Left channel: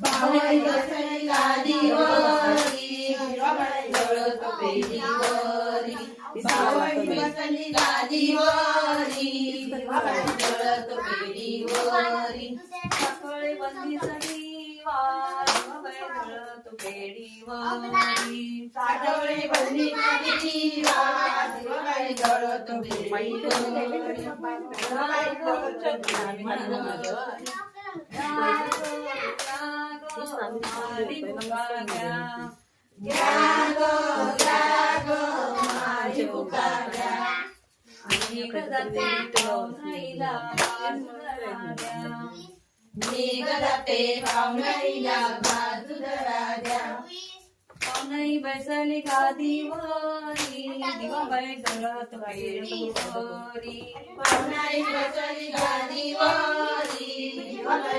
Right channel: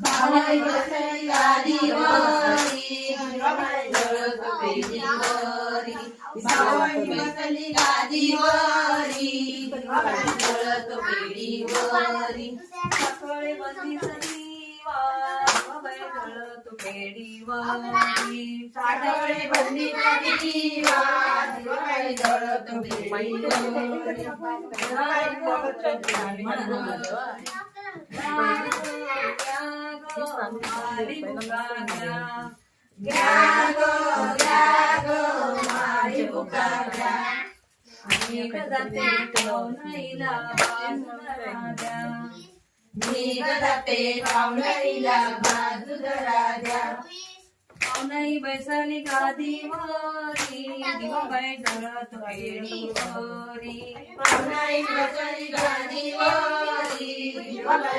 भावाई बसली गादीवरी, भावाई जळत पेढीवरी, भावाई बसली गादीवरी, भावाई जळत पेढीवरी, सकाळी बसली सणीवार, भावाई जळत पेढीवरी, साडवळे बसली सणीवार, भावाई जळत पेढीवरी, पाहुणाई बैसली गादीवरी, दिवाबाई जळत पेढीवरी, पाहुणाई बैसली गादीवरी, दिवाबाई